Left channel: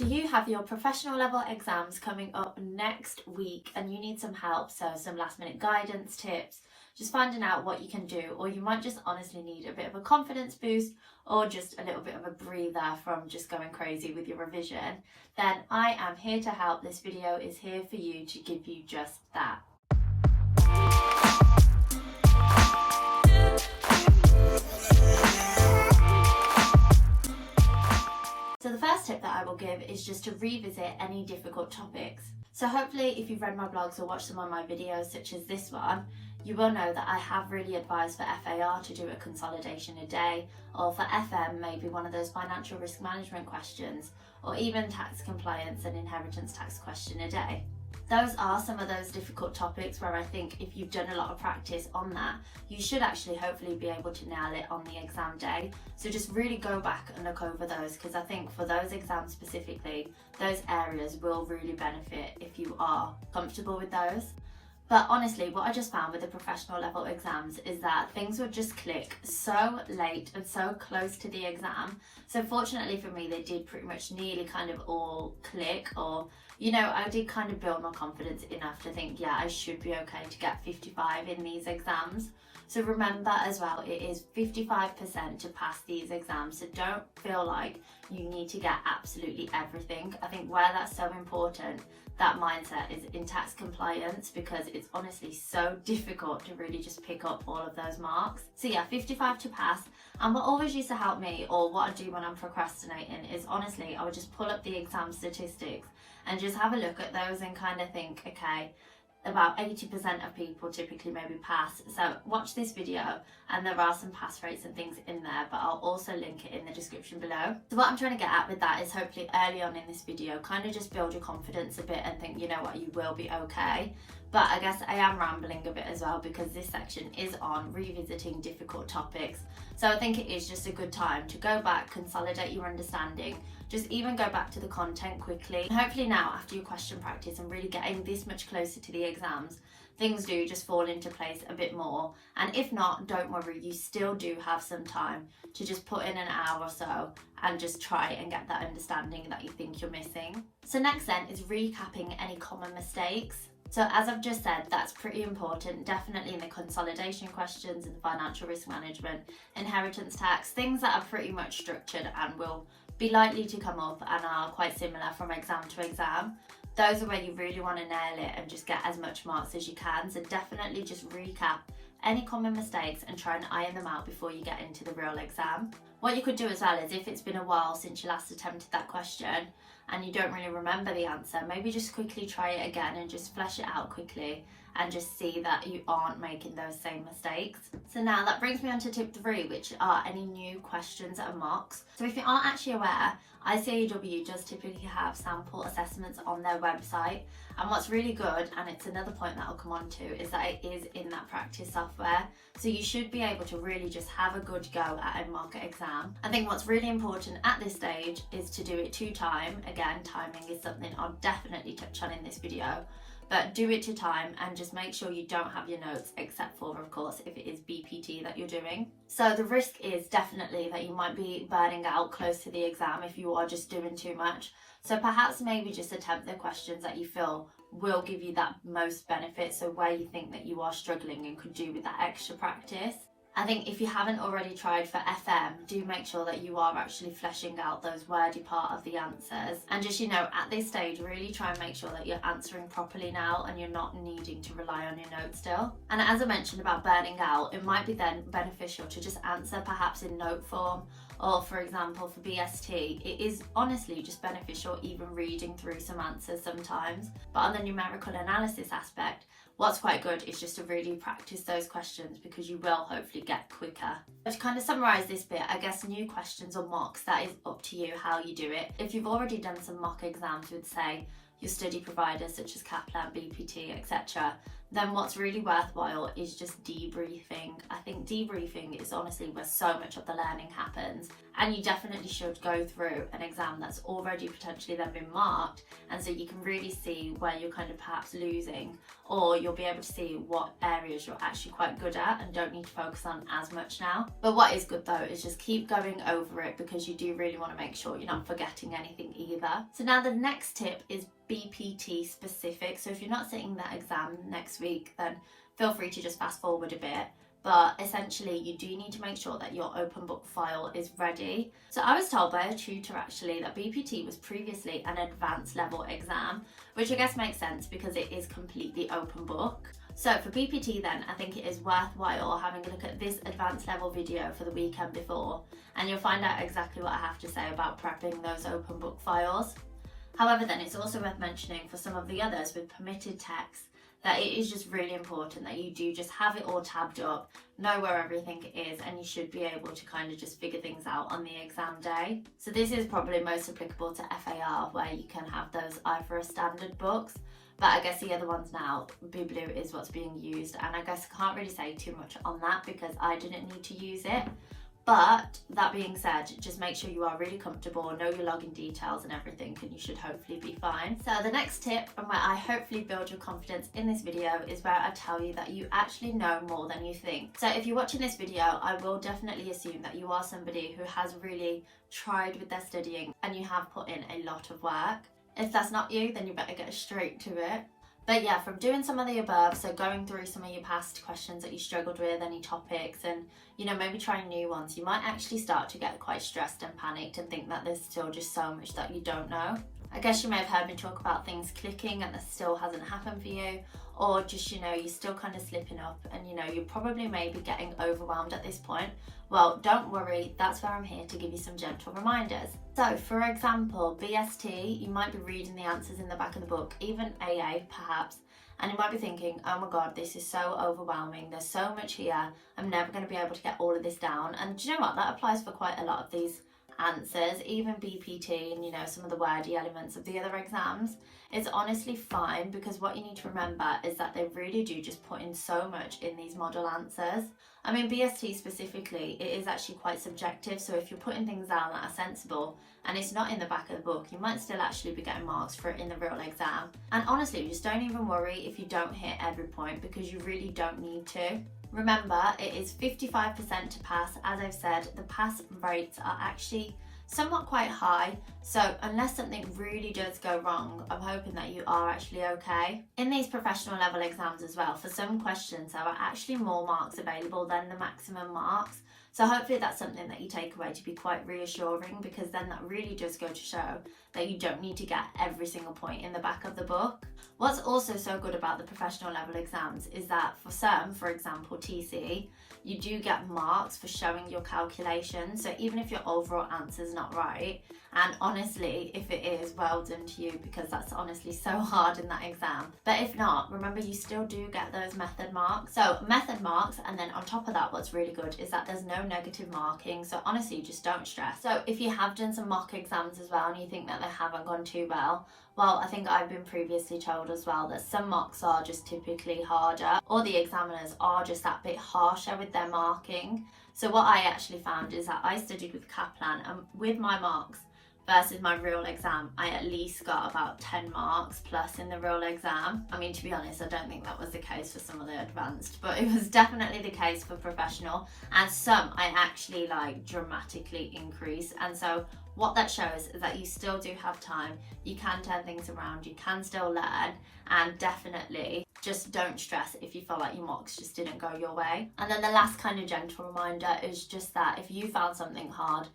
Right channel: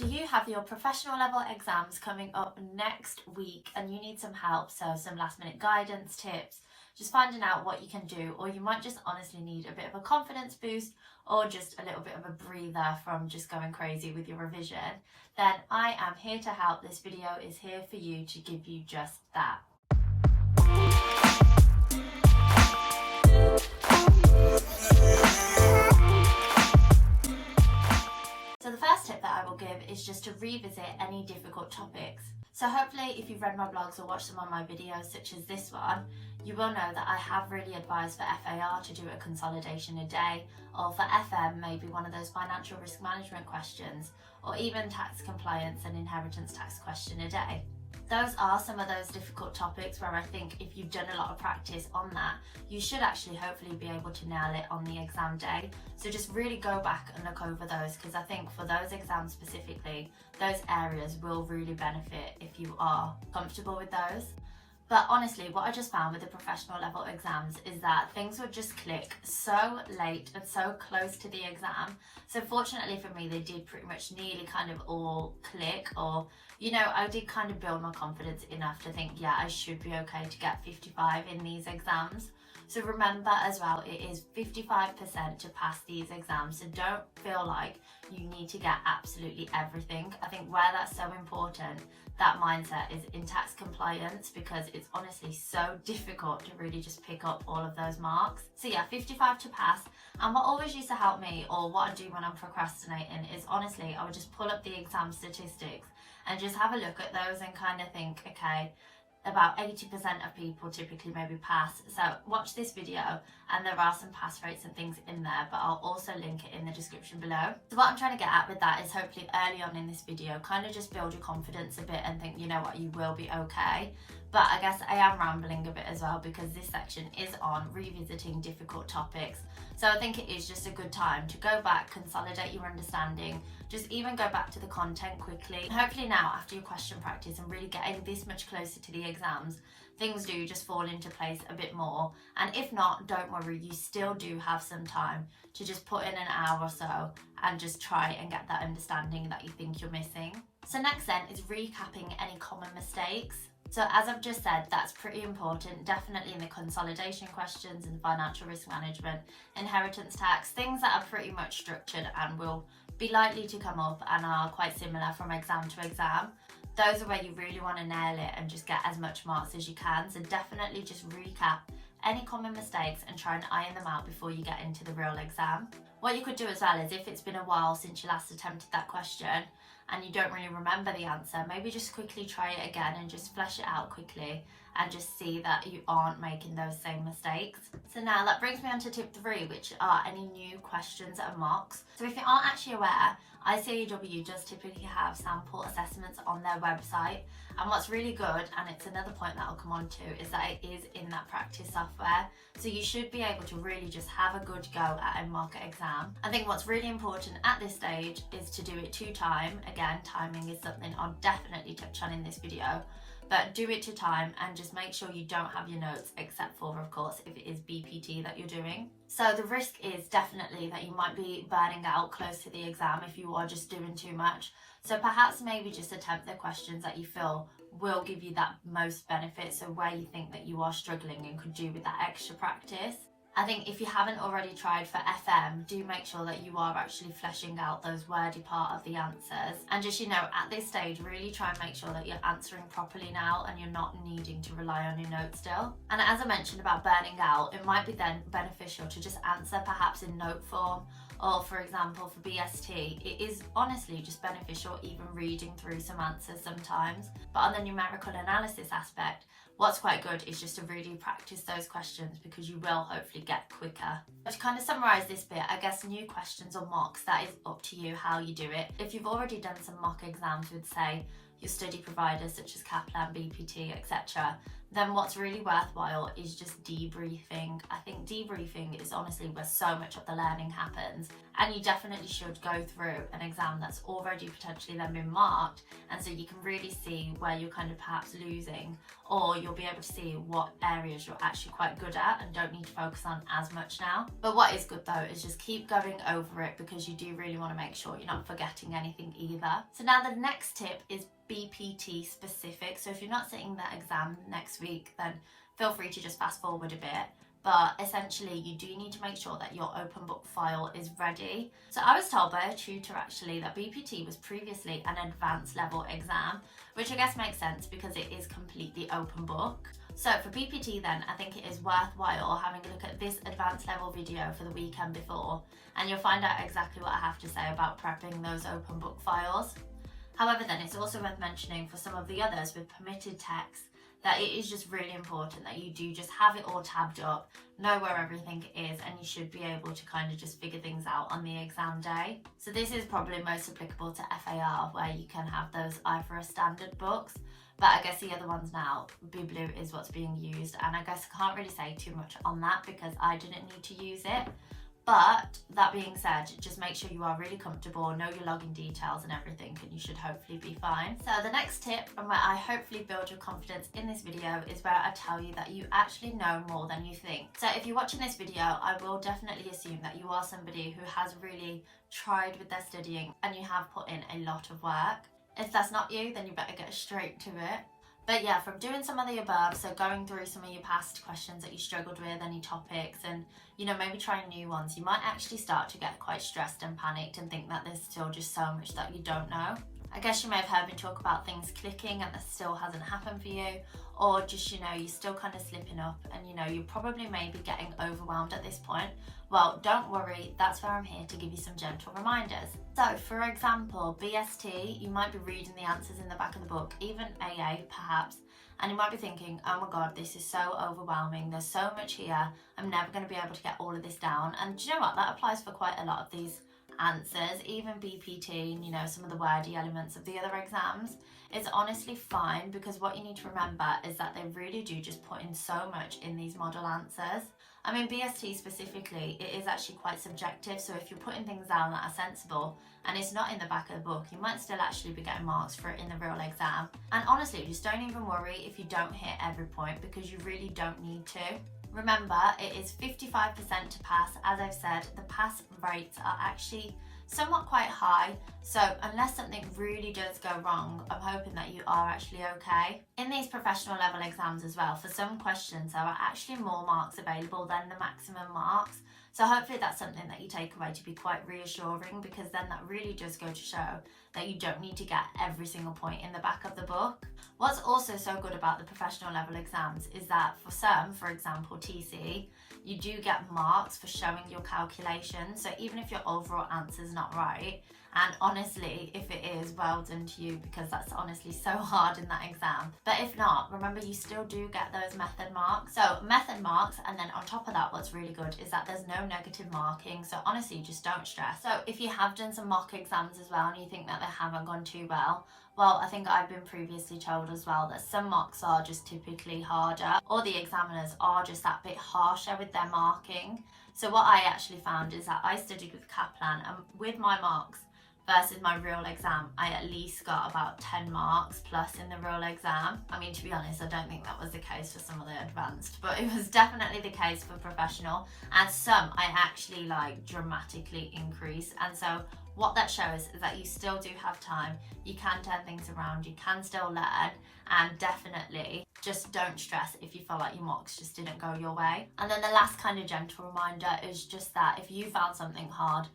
Do you have your professional level exams coming up next week and you need some help, so some last minute guidance, tips, just finding out what you can do, or you might just honestly need a bit of a confidence boost or just a little bit of a breather from just going crazy with your revision, then I am here to help. This video is here for you to give you just that. So the first tip that I will give is just to revisit any difficult topics. So hopefully if you've read my blogs or watched some of my videos such as this one, you will know that I have really advised for FAR to do a consolidation a day, or for FM maybe one of those financial risk management questions, or even tax compliance and inheritance tax question a day. Those are some of those difficult topics where I think if you've done a lot of practice on that, you should actually hopefully be able to nail it on the exam day. So just really go back and look over those, because I think for those exams specifically, those areas will really benefit if you are comfortable with those. But honestly, what I just found with the professional level exams is that things would just click so late and so close to the exam. So fortunately for me, they did pretty much nearly kind of all click, or, you know, I did kind of build my confidence enough to think, yeah, I should be okay to get 55 in these exams. So remember as well, it is 55% to pass these exams. So don't feel like you need to get absolutely everything. I think where that's so important, that mindset, is in tax compliance, because it's honestly so difficult to really just pick up all of those marks. So yeah, 55 to pass. And what always used to help me, or what I do when I'm procrastinating, is honestly, I would just pull up the exam statistics and just have a look at those and kind of think, okay, about 80% of people typically maybe pass. So watch this video and there are some pass rates and things in there, but I'll also link it in the description below. So what I'm trying to get at with that is hopefully early on in this video, kind of just build your confidence a bit and think, you know what, you will be okay. But I guess I am rambling a bit as well, because this section is on revisiting difficult topics. So I think it is just a good time to go back, consolidate your understanding, just even go back to the content quickly. And hopefully now, after your question practice and really getting this much closer to the exams, things do just fall into place a bit more. And if not, don't worry, you still do have some time to just put in an hour or so and just try and get that understanding that you think you're missing. So next then is recapping any common mistakes. So as I've just said, that's pretty important, definitely in the consolidation questions and financial risk management, inheritance tax, things that are pretty much structured and will be likely to come up and are quite similar from exam to exam. Those are where you really want to nail it and just get as much marks as you can. So definitely just recap any common mistakes and try and iron them out before you get into the real exam. What you could do as well is, if it's been a while since you last attempted that question and you don't really remember the answer, maybe just quickly try it again and just flesh it out quickly and just see that you aren't making those same mistakes. So now that brings me on to tip 3, which are any new questions and mocks. So if you aren't actually aware, Icaew does typically have sample assessments on their website, and what's really good, and it's another point that I'll come on to, is that it is in that practice software, so you should be able to really just have a good go at a mock exam. I think what's really important at this stage is to do it to time. Again, timing is something I'll definitely touch on in this video, but do it to time and just make sure you don't have your notes, except for, of course, if it is BPT that you're doing. So the risk is definitely that you might be burning out close to the exam if you are just doing too much. So perhaps maybe just attempt the questions that you feel will give you that most benefit, so where you think that you are struggling and could do with that extra practice. I think if you haven't already tried for FM, do make sure that you are actually fleshing out those wordy part of the answers. And just, you know, at this stage, really try and make sure that you're answering properly now and you're not needing to rely on your notes still. And as I mentioned about burning out, it might be then beneficial to just answer perhaps in note form, or for example for BST, it is honestly just beneficial even reading through some answers sometimes. But on the numerical analysis aspect, what's quite good is just to really practice those questions, because you will hopefully get quicker. But to kind of summarise this bit, I guess new questions or mocks, that is up to you how you do it. If you've already done some mock exams with, say, your study providers such as Kaplan, BPT, etc., then what's really worthwhile is just debriefing. I think debriefing is honestly where so much of the learning happens, and you definitely should go through an exam that's already potentially then been marked, and so you can really see where you're kind of perhaps losing, or you'll be able to see what areas you're actually quite good at and don't need to focus on as much now. But what is good though is just keep going over it, because you do really want to make sure you're not forgetting anything either. So now the next tip is BPT specific. So if you're not sitting that exam next week, then feel free to just fast forward a bit. But essentially you do need to make sure that your open book file is ready. So I was told by a tutor actually that BPT was previously an advanced level exam, which I guess makes sense because it is completely open book. So for BPT then, I think it is worthwhile having a look at this advanced level video for the weekend before, and you'll find out exactly what I have to say about prepping those open book files. However then, it's also worth mentioning for some of the others with permitted text that it is just really important that you do just have it all tabbed up, know where everything is, and you should be able to kind of just figure things out on the exam day. So this is probably most applicable to FAR, where you can have those IFRS standard books, but I guess the other ones now, Biblio is what's being used, and I guess I can't really say too much on that because I didn't need to use it. But that being said, just make sure you are really comfortable, know your login details and everything, and you should hopefully be fine. So the next tip, and where I hopefully build your confidence in this video, is where I tell you that you actually know more than you think. So if you're watching this video, I will definitely assume that you are somebody who has really tried with their studying and you have put in a lot of work. If that's not you, then you better get straight to it. But yeah, from doing some of the above, so going through some of your past questions that you struggled with, any topics, and maybe trying new ones, you might actually start to get quite stressed and panicked and think that there's still just so much that you don't know. I guess you may have heard me talk about things clicking and that still hasn't happened for you, or just you're still kind of slipping up and you're probably maybe getting overwhelmed at this point. Well, don't worry, that's where I'm here to give you some gentle reminders. So for example, BST, you might be reading the answers in the back of the book, even AA perhaps, and you might be thinking, oh my god, this is so overwhelming, there's so much here, I'm never going to be able to get all of this down. And do you know what, that applies for quite a lot of these answers, even BPT and some of the wordy elements of the other exams. It's honestly fine, because what you need to remember is that they really do just put in so much in these model answers. I mean, BST specifically, it is actually quite subjective, so if you're putting things down that are sensible and it's not in the back of the book, you might still actually be getting marks for it in the real exam. And honestly, just don't even worry if you don't hit every point, because you really don't need to. Remember, it is 55% to pass. As I've said, the pass rates are actually somewhat quite high, so unless something really does go wrong, I'm hoping that you are actually okay. In these professional level exams as well, for some questions there are actually more marks available than the maximum marks, so hopefully that's something that you take away to be quite reassuring, because then that really does go to show that you don't need to get every single point in the back of the book. What's also so good about the professional level exams is that for some, for example TCE, you do get marks for showing your calculations. So even if your overall answer is not right, and honestly, if it is, well done to you, because that's honestly so hard in that exam. But if not, remember you still do get those method marks. So method marks, and then on top of that, what's really good is that there's no negative marking. So honestly, just don't stress. So if you have done some mock exams as well and you think that they haven't gone too well, I think I've been previously told as well that some mocks are just typically harder, or the examiners are just that bit harsher with their marking. So what I actually found is that I studied with Kaplan, and with my marks versus my real exam, I at least got about 10 marks plus in the real exam. I mean, to be honest, I don't think that was the case for some of the advanced, but it was definitely the case for professional, and some I actually dramatically increased. And so what that shows is that you still do have time, you can turn things around, you can still learn, and definitely just don't stress if you feel like your mocks just didn't go your way. And then the last kind of gentle reminder is just that if you found something hard,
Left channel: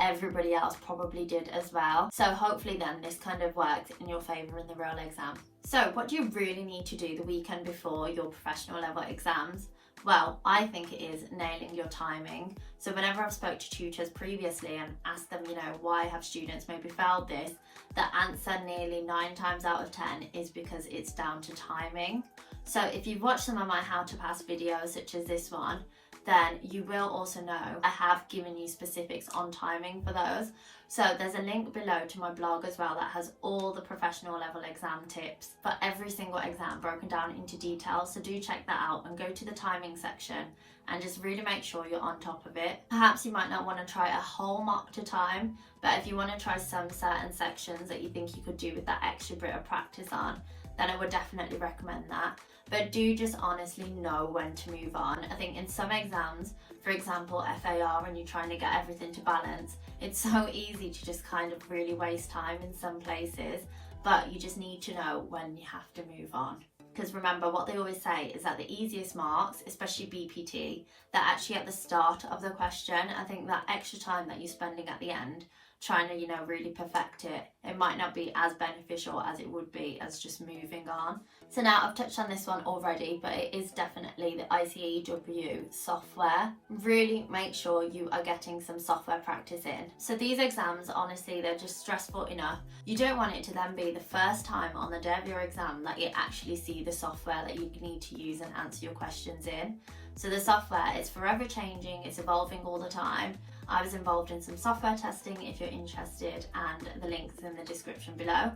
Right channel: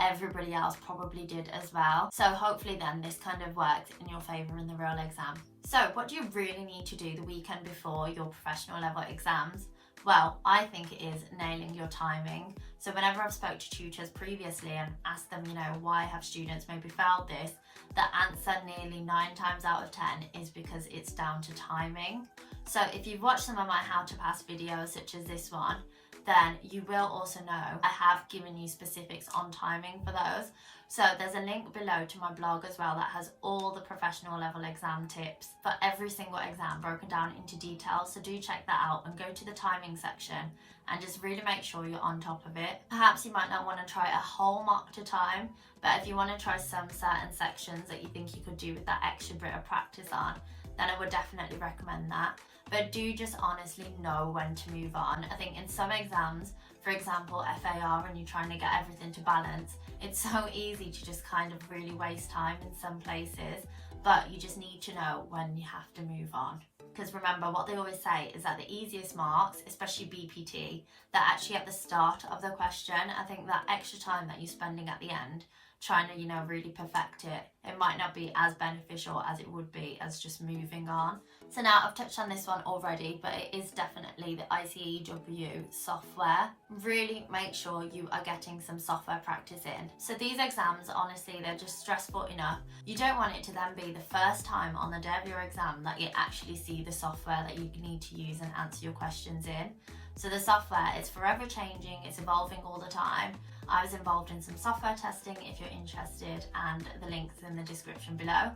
everybody else probably did as well. So hopefully then this kind of works in your favour in the real exam. So what do you really need to do the weekend before your professional level exams? Well, I think it is nailing your timing. So whenever I've spoke to tutors previously and asked them, why have students maybe failed this, the answer nearly 9 times out of 10 is because it's down to timing. So if you've watched some of my how to pass videos, such as this one, then you will also know I have given you specifics on timing for those. So there's a link below to my blog as well that has all the professional level exam tips for every single exam broken down into detail. So do check that out and go to the timing section and just really make sure you're on top of it. Perhaps you might not want to try a whole mock to time, but if you want to try some certain sections that you think you could do with that extra bit of practice on, then I would definitely recommend that. But do just honestly know when to move on. I think in some exams, for example FAR, when you're trying to get everything to balance, it's so easy to just kind of really waste time in some places, but you just need to know when you have to move on. Because remember, what they always say is that the easiest marks, especially BPT, they're actually at the start of the question. I think that extra time that you're spending at the end trying to, really perfect it, it might not be as beneficial as it would be as just moving on. So now I've touched on this one already, but it is definitely the Icaew software. Really make sure you are getting some software practice in. So these exams, honestly, they're just stressful enough. You don't want it to then be the first time on the day of your exam that you actually see the software that you need to use and answer your questions in. So the software is forever changing, it's evolving all the time. I was involved in some software testing if you're interested, and the link's in the description below.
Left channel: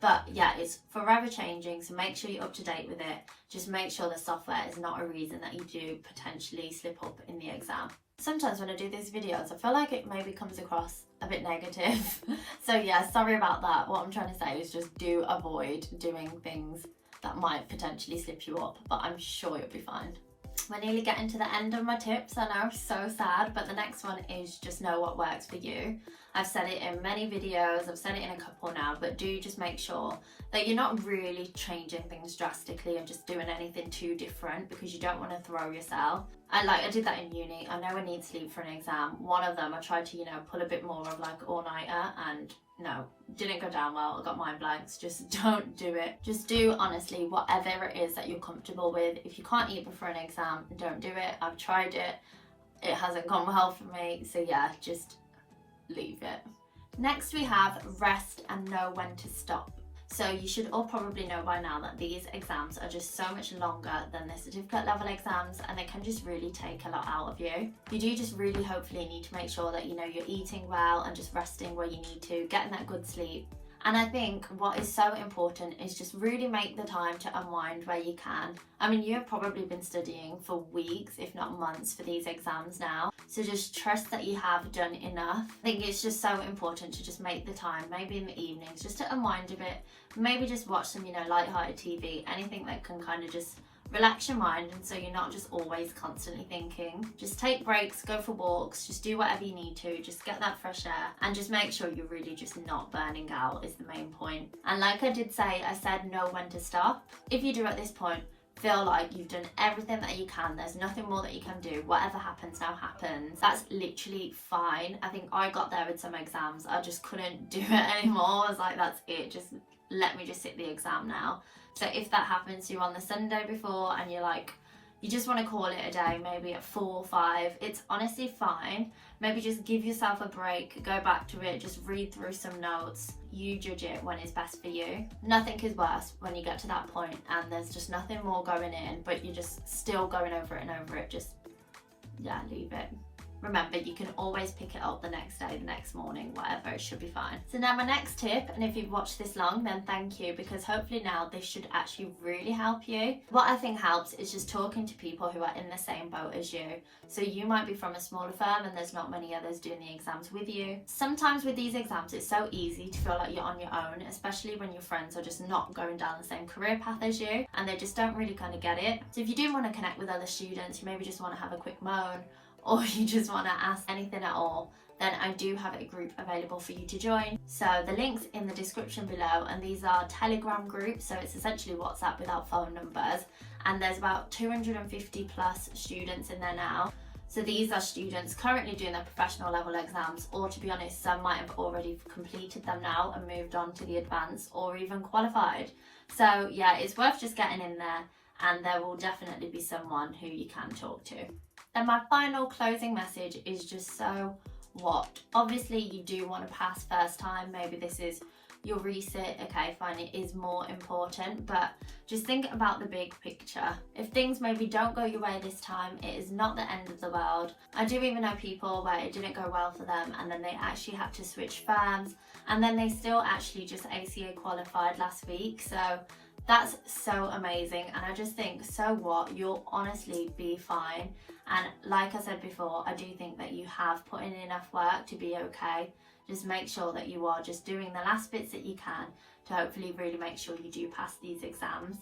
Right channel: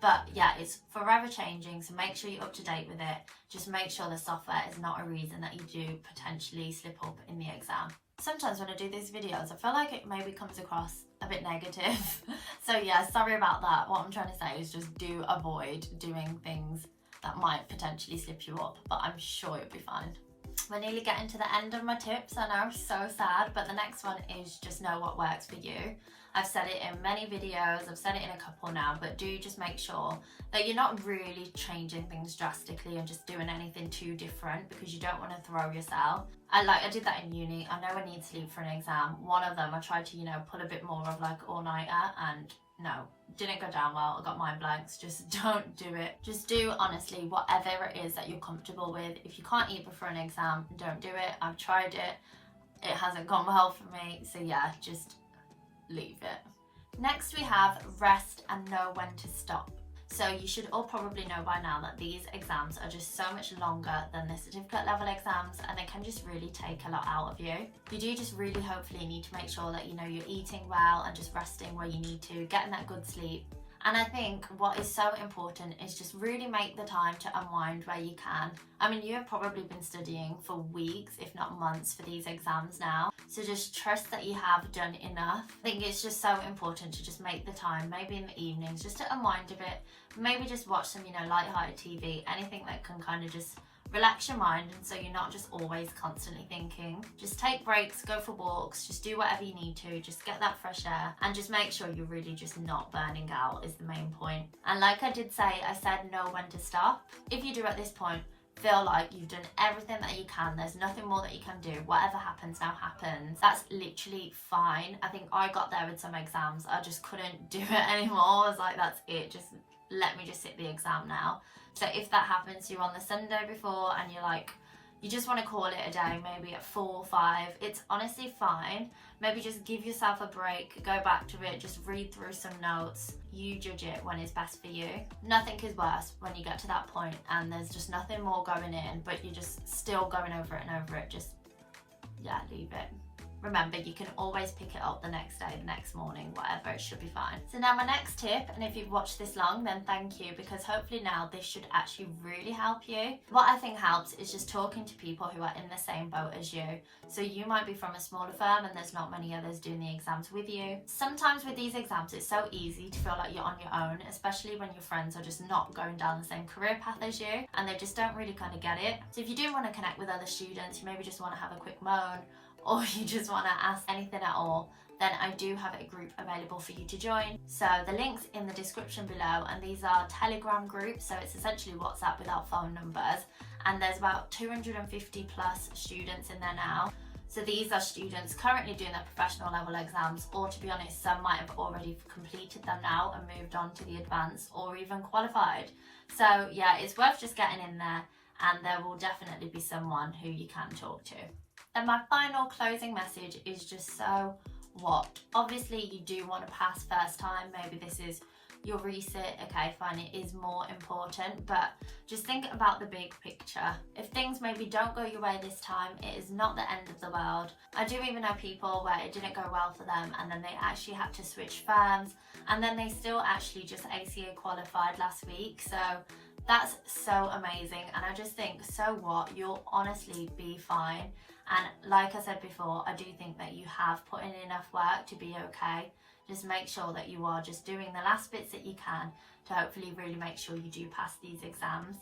But yeah, it's forever changing, so make sure you're up to date with it. Just make sure the software is not a reason that you do potentially slip up in the exam. Sometimes when I do these videos, I feel like it maybe comes across a bit negative. So yeah, sorry about that. What I'm trying to say is just do avoid doing things that might potentially slip you up, but I'm sure you'll be fine. We're nearly getting to the end of my tips. I know, so sad, but the next one is just know what works for you. I've said it in many videos, I've said it in a couple now, but do just make sure that you're not really changing things drastically and just doing anything too different, because you don't want to throw yourself. I did that in uni. I know I need sleep for an exam. One of them I tried to, pull a bit more of like all-nighter, and no, didn't go down well. I got mind blanks. Just don't do it. Just do, honestly, whatever it is that you're comfortable with. If you can't eat before an exam, don't do it. I've tried it. It hasn't gone well for me. So yeah, just leave it. Next we have rest and know when to stop. So you should all probably know by now that these exams are just so much longer than the certificate level exams, and they can just really take a lot out of you. You do just really hopefully need to make sure that you're eating well and just resting where you need to, getting that good sleep. And I think what is so important is just really make the time to unwind where you can. I mean, you have probably been studying for weeks, if not months, for these exams now. So just trust that you have done enough. I think it's just so important to just make the time, maybe in the evenings, just to unwind a bit. Maybe just watch some, light-hearted TV, anything that can kind of just relax your mind, and so you're not just always constantly thinking. Just take breaks, go for walks, just do whatever you need to, just get that fresh air, and just make sure you're really just not burning out is the main point. And like I did say, I said know when to stop. If you do at this point feel like you've done everything that you can, there's nothing more that you can do, whatever happens now happens, that's literally fine. I think I got there with some exams, I just couldn't do it anymore. I was like, that's it, just let me just sit the exam now. So if that happens to you on the Sunday before and you're like, you just want to call it a day, maybe at 4 or 5, it's honestly fine. Maybe just give yourself a break, go back to it, just read through some notes. You judge it when it's best for you. Nothing is worse when you get to that point and there's just nothing more going in, but you're just still going over it and over it. Just, yeah, leave it. Remember, you can always pick it up the next day, the next morning, whatever, it should be fine. So now my next tip, and if you've watched this long, then thank you, because hopefully now this should actually really help you. What I think helps is just talking to people who are in the same boat as you. So you might be from a smaller firm and there's not many others doing the exams with you. Sometimes with these exams, it's so easy to feel like you're on your own, especially when your friends are just not going down the same career path as you and they just don't really kind of get it. So if you do want to connect with other students, you maybe just want to have a quick moan, or you just want to ask anything at all, then I do have a group available for you to join. So the link's in the description below, and these are Telegram groups, so it's essentially WhatsApp without phone numbers, and there's about 250 plus students in there now. So these are students currently doing their professional level exams, or to be honest, some might have already completed them now and moved on to the advanced or even qualified. So yeah, it's worth just getting in there, and there will definitely be someone who you can talk to. And my final closing message is just so what? Obviously you do want to pass first time, maybe this is your resit, okay, fine, it is more important, but just think about the big picture. If things maybe don't go your way this time, it is not the end of the world. I do even know people where it didn't go well for them and then they actually had to switch firms, and then they still actually just ACA qualified last week. So that's so amazing, and I just think, so what, you'll honestly be fine. And like I said before, I do think that you have put in enough work to be okay. Just make sure that you are just doing the last bits that you can to hopefully really make sure you do pass these exams.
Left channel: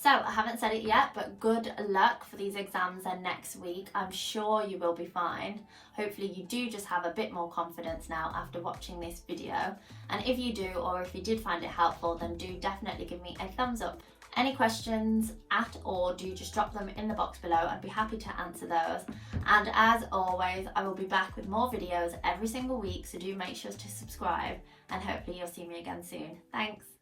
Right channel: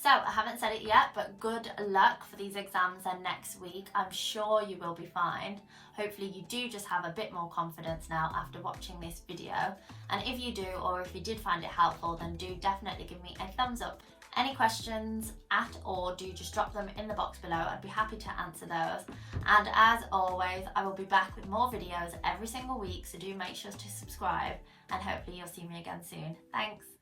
So I haven't said it yet, but good luck for these exams and next week. I'm sure you will be fine. Hopefully you do just have a bit more confidence now after watching this video. And if you do, or if you did find it helpful, then do definitely give me a thumbs up. Any questions at all, do just drop them in the box below. I'd be happy to answer those. And as always, I will be back with more videos every single week, so do make sure to subscribe, and hopefully you'll see me again soon. Thanks.